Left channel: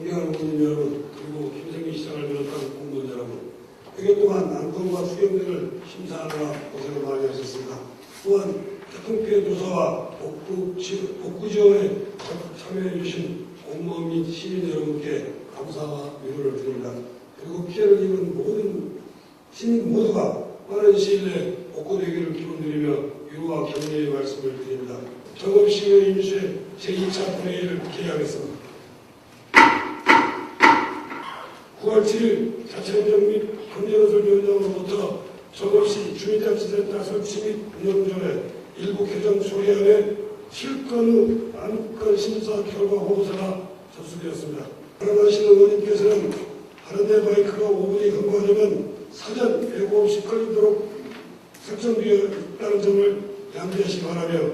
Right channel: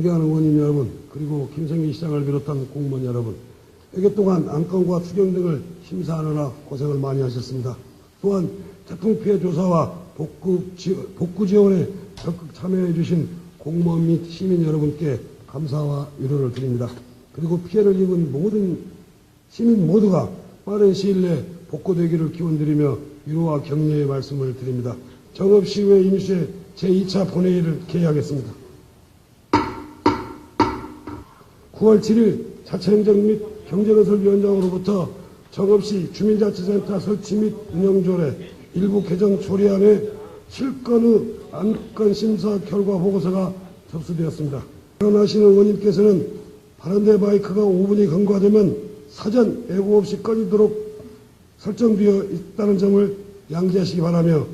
존경하는 의원님 여러분, 그리고 김성기 시장을 비롯한 공무원 여러분, 100여 동안 안건과 추경 등을 심사하느라 고생을 많이 하셨습니다. 또한 태풍 피해 조사와 복구, 지, 복구 지원에 적극 참여해 주신 공무원 및 시민 여러분께 감사와 위로를 드립니다. 그리고 피해를 입은 모든 시민 모두가 빠른 시일 내에 복구되기를 기원드리며 위로와 격려의 말씀을 드립니다. 전업시의회 임시회 제2차 본회의를 개회하겠습니다. 9월 7일 자체행정 및 경제건설위원장으로부터 적없이 주민자치센터 설치 및 운영조례 일부 개정 조례안의 7건의 안건 심사 결과 보고서가 접수되었습니다. 결혼하신 어머님께서는 하는데 바이크가 5분이 경과되면 사전 예고 없이 걸리도록 설정되어 있다는 점을 양지하시기 바라며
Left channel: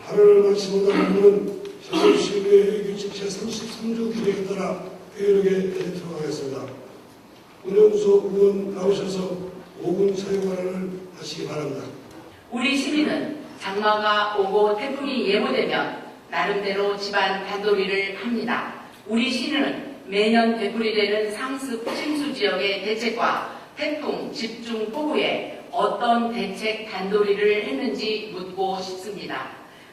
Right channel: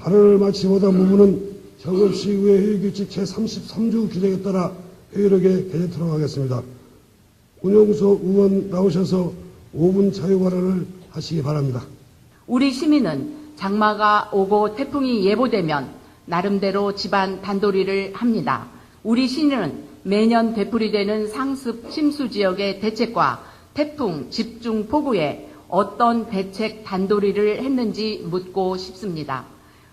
발언을 마치고자 부분은 서울시의회 회의규칙 제33조 규정에 따라 회의록에 해제토록 하겠습니다. 운영소 의원 나오셔서 5분 차유 발언을 하시기 바랍니다. 우리 시민은 장마가 오고 태풍이 예보되면 나름대로 집안 단도리를 합니다. 우리 시민은 매년 되풀이되는 상습 침수 지역의 대책과 태풍 집중 폭우에 어떤 대책 단도리를 했는지 묻고 싶습니다.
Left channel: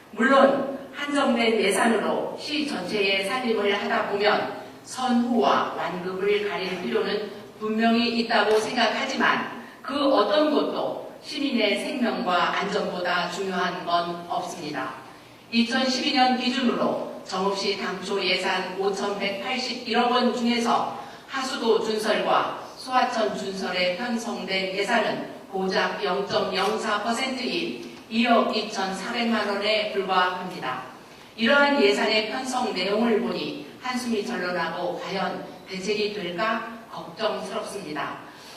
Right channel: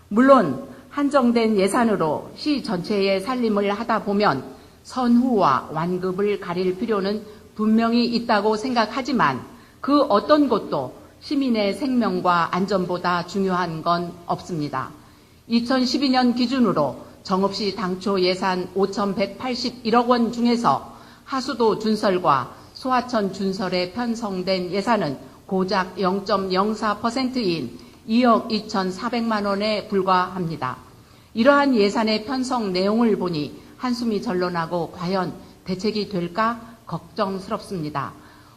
물론 한정된 예산으로 시 전체의 살림을 하다 보면 선후와 완급을 가릴 필요는 분명히 있다고 생각하지만 그 어떤 것도 시민의 생명과 안전보다 중요한 건 없습니다. 2012년 기준으로 정읍시 당초 예산 5,181억 원 중에서 하수도 준설과 소하천 준설에 편성된 예산은 고작 0.04%인 2억 2,400만 원에 불과합니다. 이러한 예산의 편성 내용을 보니 한숨이 절로 나고 과연 대책이 될까 걱정스럽습니다.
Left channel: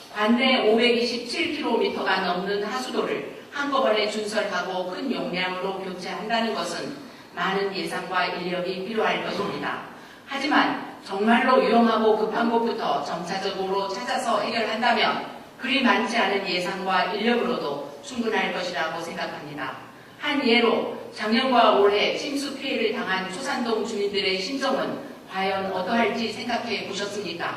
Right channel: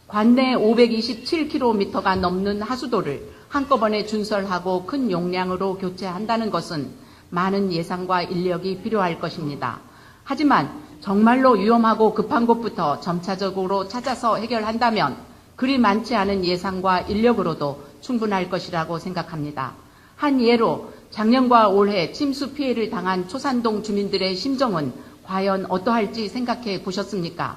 관내 527km가 넘는 하수도를 한꺼번에 준설하고 큰 용량으로 교체한다는 것은 많은 예산과 인력이 필요할 것입니다. 하지만 정말로 위험하고 급한 곳부터 점차적으로 찾아서 해결한다면 그리 많지 않은 예산과 인력으로도 충분할 것이라고 생각합니다. 한 예로 작년과 올해 침수 피해를 당한 초산동 주민들의 심정은 과연 어떠할지 생각해 보셨습니까?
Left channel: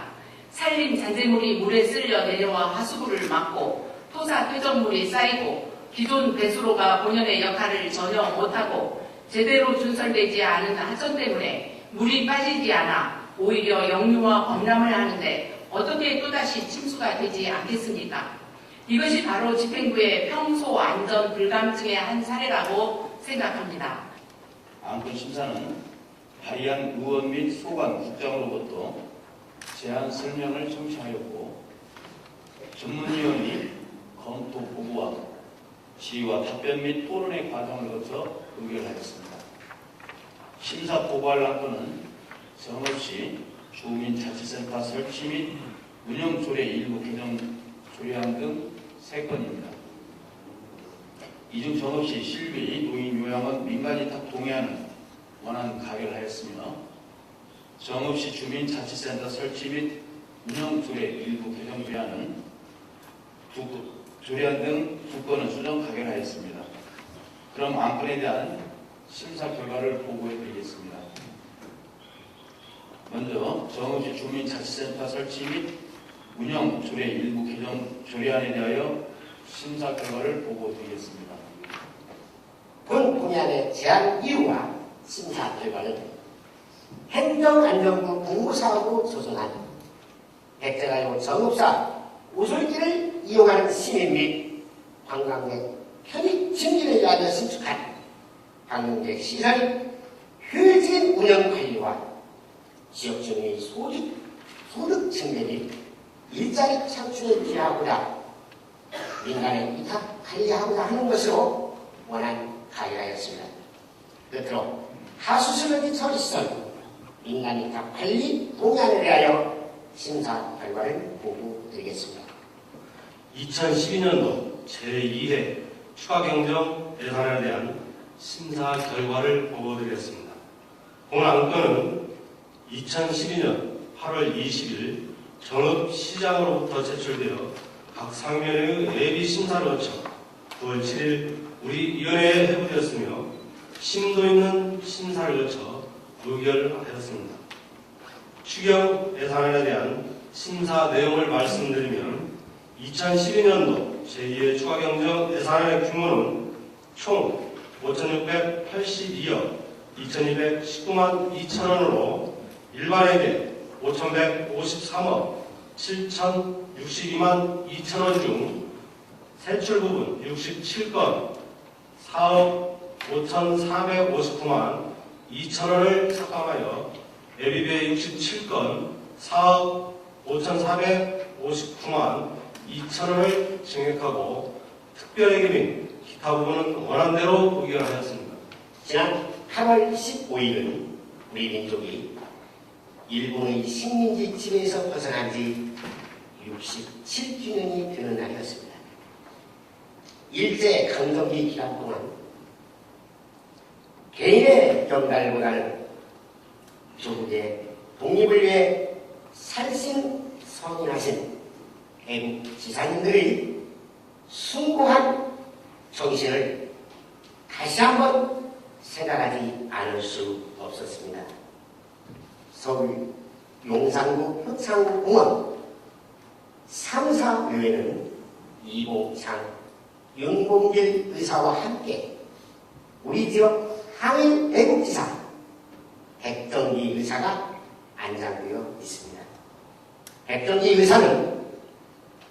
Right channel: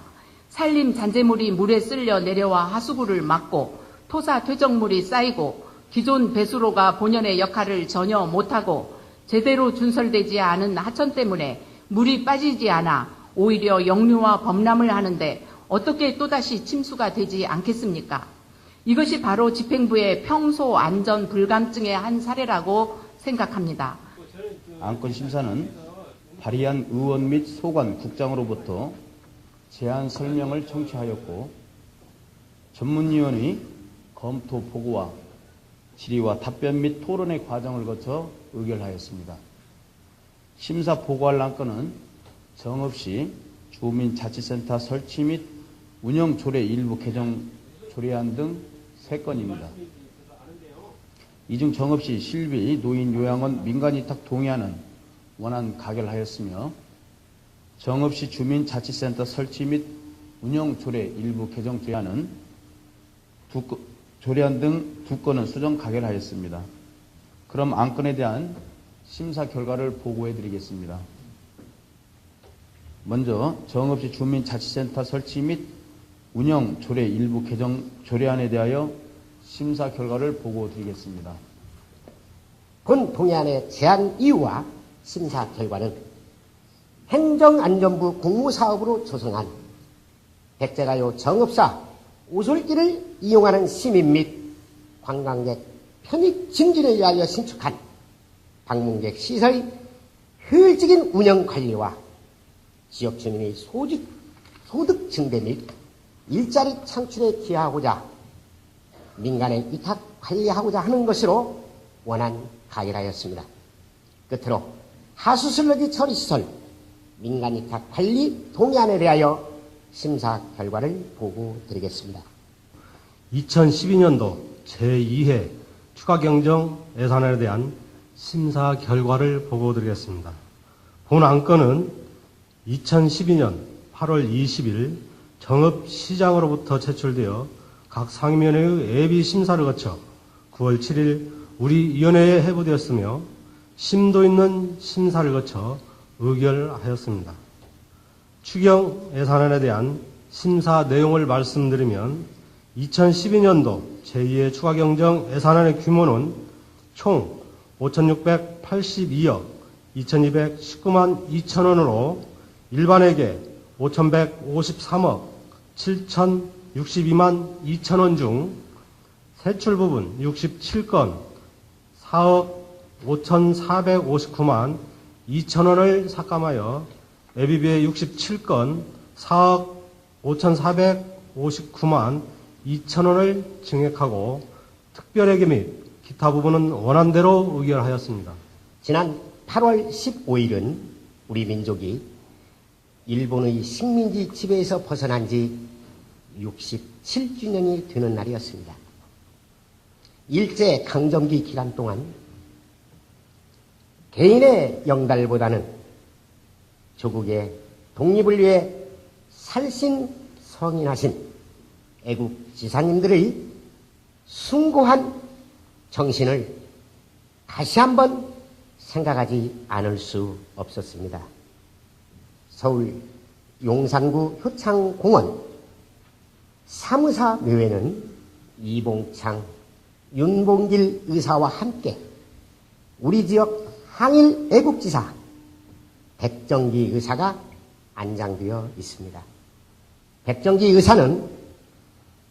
산림 잔재물이 물에 쓸려 내려와 하수구를 막고 토사 퇴적물이 쌓이고 기존 배수로가 본연의 역할을 전혀 못하고 제대로 준설되지 않은 하천 때문에 물이 빠지지 않아 오히려 역류와 범람을 하는데 어떻게 또다시 침수가 되지 않겠습니까? 이것이 바로 집행부의 평소 안전 불감증의 한 사례라고 생각합니다. 안건 심사는 발의한 의원 및 소관 국장으로부터 제안 설명을 청취하였고 전문위원이 검토 보고와 질의와 답변 및 토론의 과정을 거쳐 의결하였습니다. 심사 보고할 안건은 정읍시 주민자치센터 설치 및 운영 조례 일부 개정 조례안 등 3건입니다. 이중 정읍시 실비 노인 요양원 민간위탁 동의안은 원안 가결하였으며 정읍시 주민자치센터 설치 및 운영 조례 일부 개정 조례안은 두 건- 조례안 등두 건은 수정 가결하였습니다. 그럼 안건에 대한 심사 결과를 보고해 드리겠습니다. 먼저 정읍시 주민자치센터 설치 및 운영 조례 일부 개정 조례안에 대하여 심사 결과를 보고 드리겠습니다. 본 동의안의 제안 이유와 심사 결과는 행정안전부 국무사업으로 조성한 백제라요 정읍사 오솔길을 이용하는 시민 및 관광객 편익 증진을 위하여 신축한 방문객 시설 효율적인 운영 관리와 지역 주민의 소득, 소득 증대 및 일자리 창출에 기여하고자 민간에 위탁 관리하고자 하는 것으로 원안 가결하였습니다. 끝으로 하수슬러지 처리시설 민간 위탁 관리 동의안에 대하여 심사 결과를 보고 드리겠습니다. 2012년도 제2회 추가경정 예산에 대한 심사 결과를 보고드리겠습니다. 본 안건은 2012년 8월 20일 정읍시장으로부터 제출되어 각 상면의 예비 심사를 거쳐 9월 7일 우리 위원회에 회부되었으며 심도 있는 심사를 거쳐 의결하였습니다. 추경 예산안에 대한 심사 내용을 말씀드리면 2012년도 제2의 추가경정 예산안의 규모는 총 5,682억 2,219만 2천원으로 일반회계 5,153억 7,062만 2천원 중 세출 부분 67건 4억 5,459만 2천원을 삭감하여 예비비의 67건 4억 5,459만 2천원을 증액하고 특별회계 및 기타 부분은 원안대로 의결하였습니다. 지난 8월 15일은 우리 민족이 일본의 식민지 지배에서 벗어난 지 67주년이 되는 날이었습니다. 일제 강점기 기간 동안 개인의 영달보다는 조국의 독립을 위해 살신성인하신 애국 지사님들의 숭고한 정신을 다시 한번 생각하지 않을 수 없었습니다. 서울 용산구 효창공원 사무사묘에는 이봉창, 윤봉길 의사와 함께 우리 지역 항일 애국지사 백정기 의사가 안장되어 있습니다. 백정기 의사는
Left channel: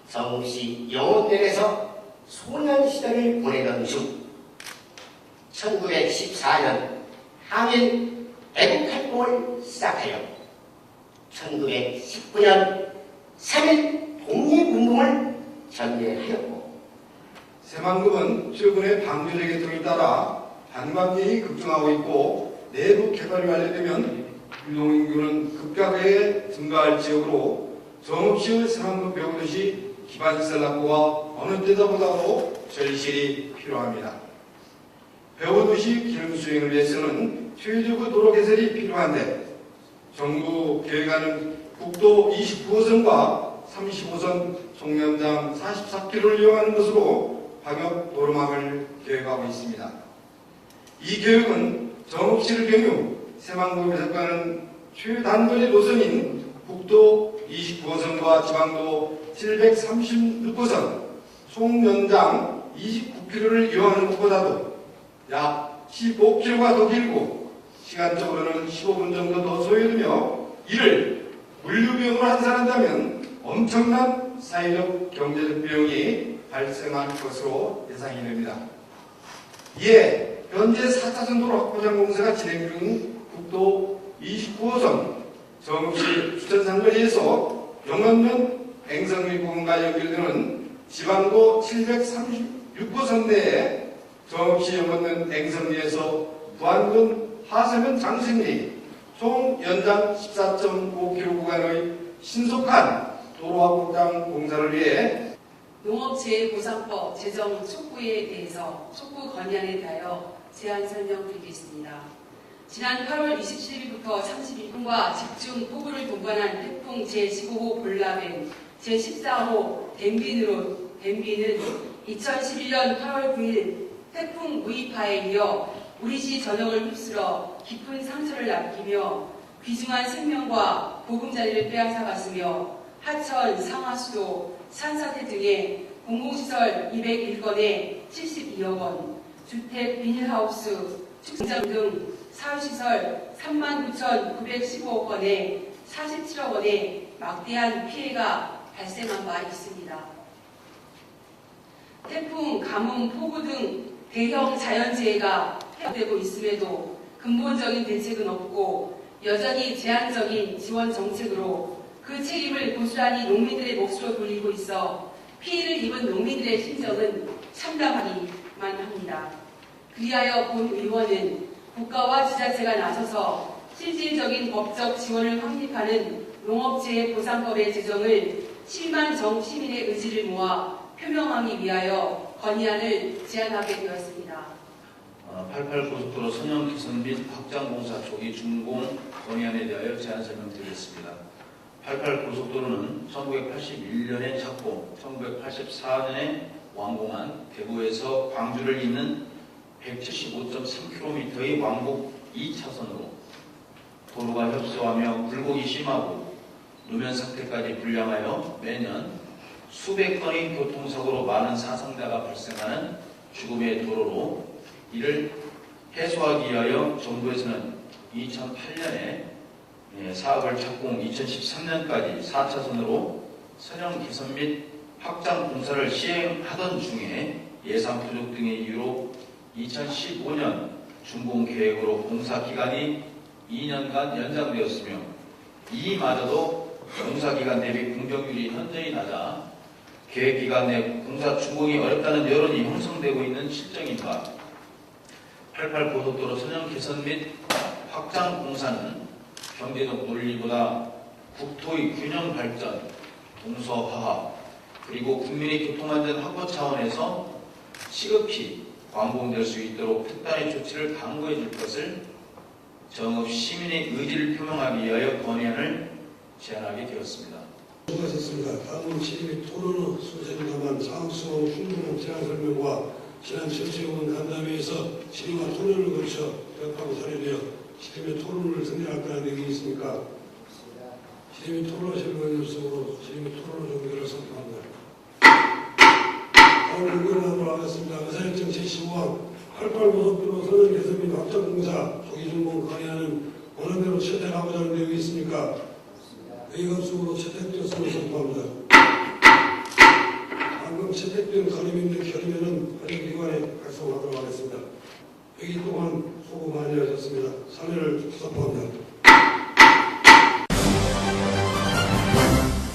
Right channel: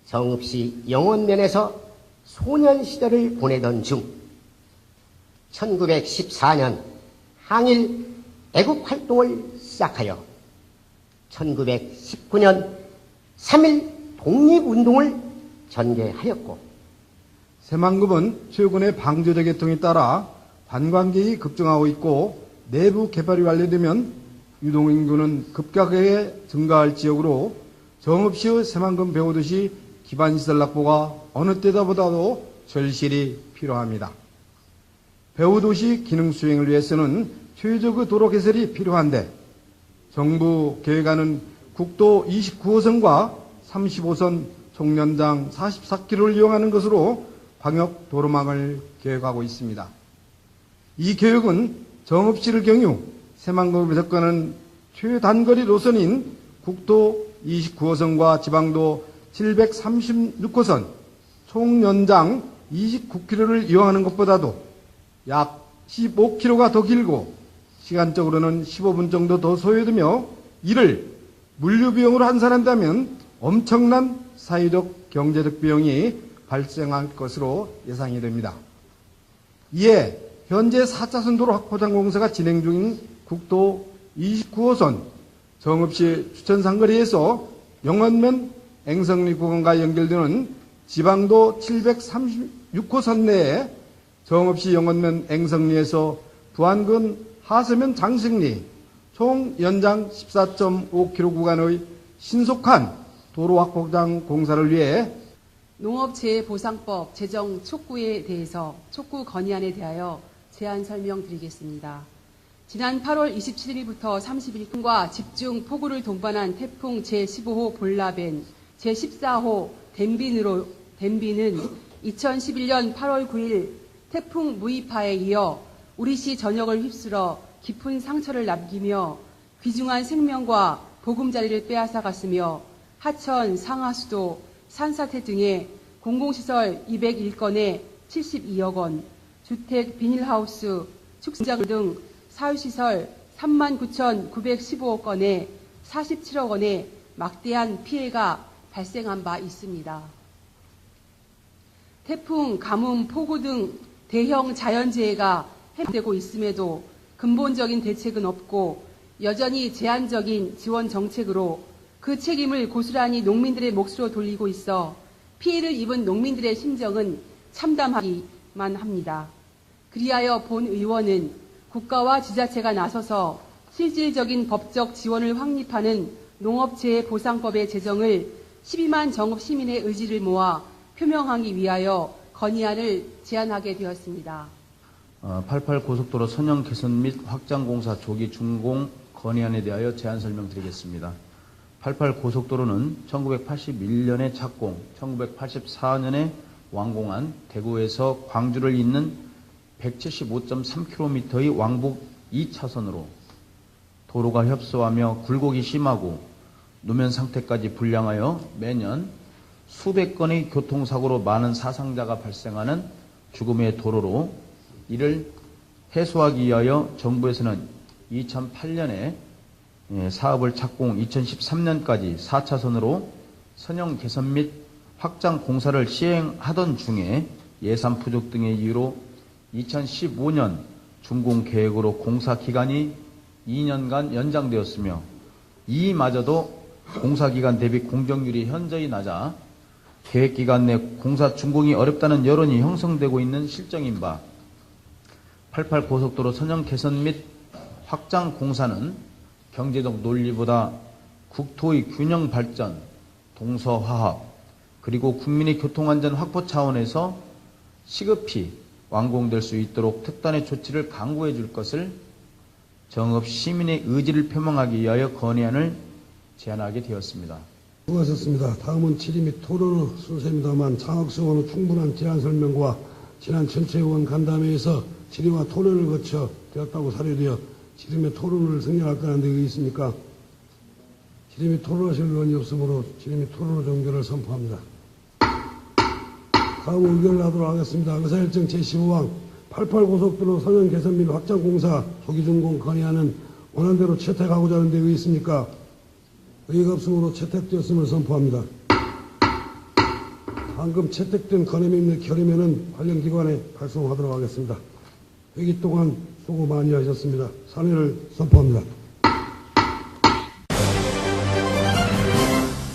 성읍시 영원면에서 소년 시절을 보내던 중 1914년 항일 애국 활동을 시작하여 1919년 3일 독립운동을 전개하였고 새만금은 최근의 방조제 계통에 따라 반감기이 급증하고 있고 내부 개발이 완료되면 유동인구는 급격하게 증가할 지역으로 정읍시의 새만금 배우듯이 기반시설 납부가 어느 때보다도 절실히 필요합니다. 배우도시 기능 수행을 위해서는 최적의 도로 개설이 필요한데 정부 계획안은 국도 29호선과 35선 총연장 44km를 이용하는 것으로 방역 도로망을 계획하고 있습니다. 이 계획은 정읍시를 경유 새만금에 접근하는 최단거리 노선인 국도 29호선과 지방도 736호선 총 연장 29km를 이용하는 것보다도 약 15km가 더 길고 시간적으로는 15분 정도 더 소요되며 이를 물류비용으로 환산한다면 엄청난 사회적 경제적 비용이 발생할 것으로 예상이 됩니다. 이에 현재 4차 선 도로 확보장 공사가 진행 중인 국도 29호선 정읍시 수천상거리에서 영원면 앵성리 구간과 연결되는 지방도 736호선 내에 정읍시 영원면 앵성리에서 부안군 하서면 장승리 총 연장 14.5km 구간의 신속한 도로 확보장 공사를 위해 농업재해보상법 제정 촉구에 대해서 촉구 건의안에 대하여 제안 설명 드리겠습니다. 지난 8월 27일부터 30일과 집중 폭우를 동반한 태풍 제15호 볼라벤, 제14호 댐빈으로 댐빈은 2011년 8월 9일 태풍 무이파에 이어 우리 시 전역을 휩쓸어 깊은 상처를 남기며 귀중한 생명과 보금자리를 빼앗아갔으며 하천, 상하수도, 산사태 등의 공공시설 201건에 72억 원, 주택, 비닐하우스, 축산장 등 사회시설 39,915억 건에 47억 원의 막대한 피해가 발생한 바 있습니다. 태풍, 가뭄, 폭우 등 대형 자연재해가 회복되고 있음에도 근본적인 대책은 없고 여전히 제한적인 지원 정책으로 그 책임을 고스란히 농민들의 몫으로 돌리고 있어 피해를 입은 농민들의 심정은 참담하기만 합니다. 그리하여 본 의원은 국가와 지자체가 나서서 실질적인 법적 지원을 확립하는 농업재해보상법의 제정을 12만 정읍 시민의 의지를 모아 표명하기 위하여 건의안을 제안하게 되었습니다. 어, 88 고속도로 선형 개선 및 확장 공사 조기 준공 건의안에 대하여 제안 설명드리겠습니다. 88 고속도로는 1981년에 착공, 1984년에 완공한 대구에서 광주를 잇는 175.3km의 왕복 2차선으로 도로가 협소하며 굴곡이 심하고 노면 상태까지 불량하여 매년 수백 건의 교통사고로 많은 사상자가 발생하는 죽음의 도로로 이를 해소하기 위하여 정부에서는 2008년에 예, 사업을 착공 2013년까지 4차선으로 선형 개선 및 확장 공사를 시행하던 중에 예산 부족 등의 이유로 2015년 준공 계획으로 공사 기간이 2년간 연장되었으며 이마저도 공사 기간 대비 공정률이 현저히 낮아 계획 기간 내 공사 준공이 어렵다는 여론이 형성되고 있는 실정인 바 88 고속도로 선형 개선 및 확장 공사는 경제적 논리보다 국토의 균형 발전, 동서화합, 그리고 국민의 교통안전 확보 차원에서 시급히 완공될 수 있도록 특단의 조치를 강구해 줄 것을 정읍 시민의 의지를 표명하기 위하여 건의안을 제안하게 되었습니다. 수고하셨습니다. 다음은 질의 및 토론 순서입니다만 장학수원 충분한 질환 설명과 지난 철새원 간담회에서 질의와 토론을 거쳐 되었다고 사례되어 및 토론을 승인할 거라는 내용이 있습니까? 및 토론하실 의원이 없으므로 및 토론을 종결을 선포합니다. 다음 의견을 하도록 하겠습니다. 의사일정 제15항 88고속도로 선언 개선 및 확장 공사 조기 준공 건의안은 원안대로 채택하고자 하는 내용이 있습니까? 의의가 없으므로 채택되었음을 선포합니다. 방금 채택된 건의문 및 결의문은 관련 기관에 발송하도록 하겠습니다. 회기 동안 수고 많이 하셨습니다. 참여를 선포합니다.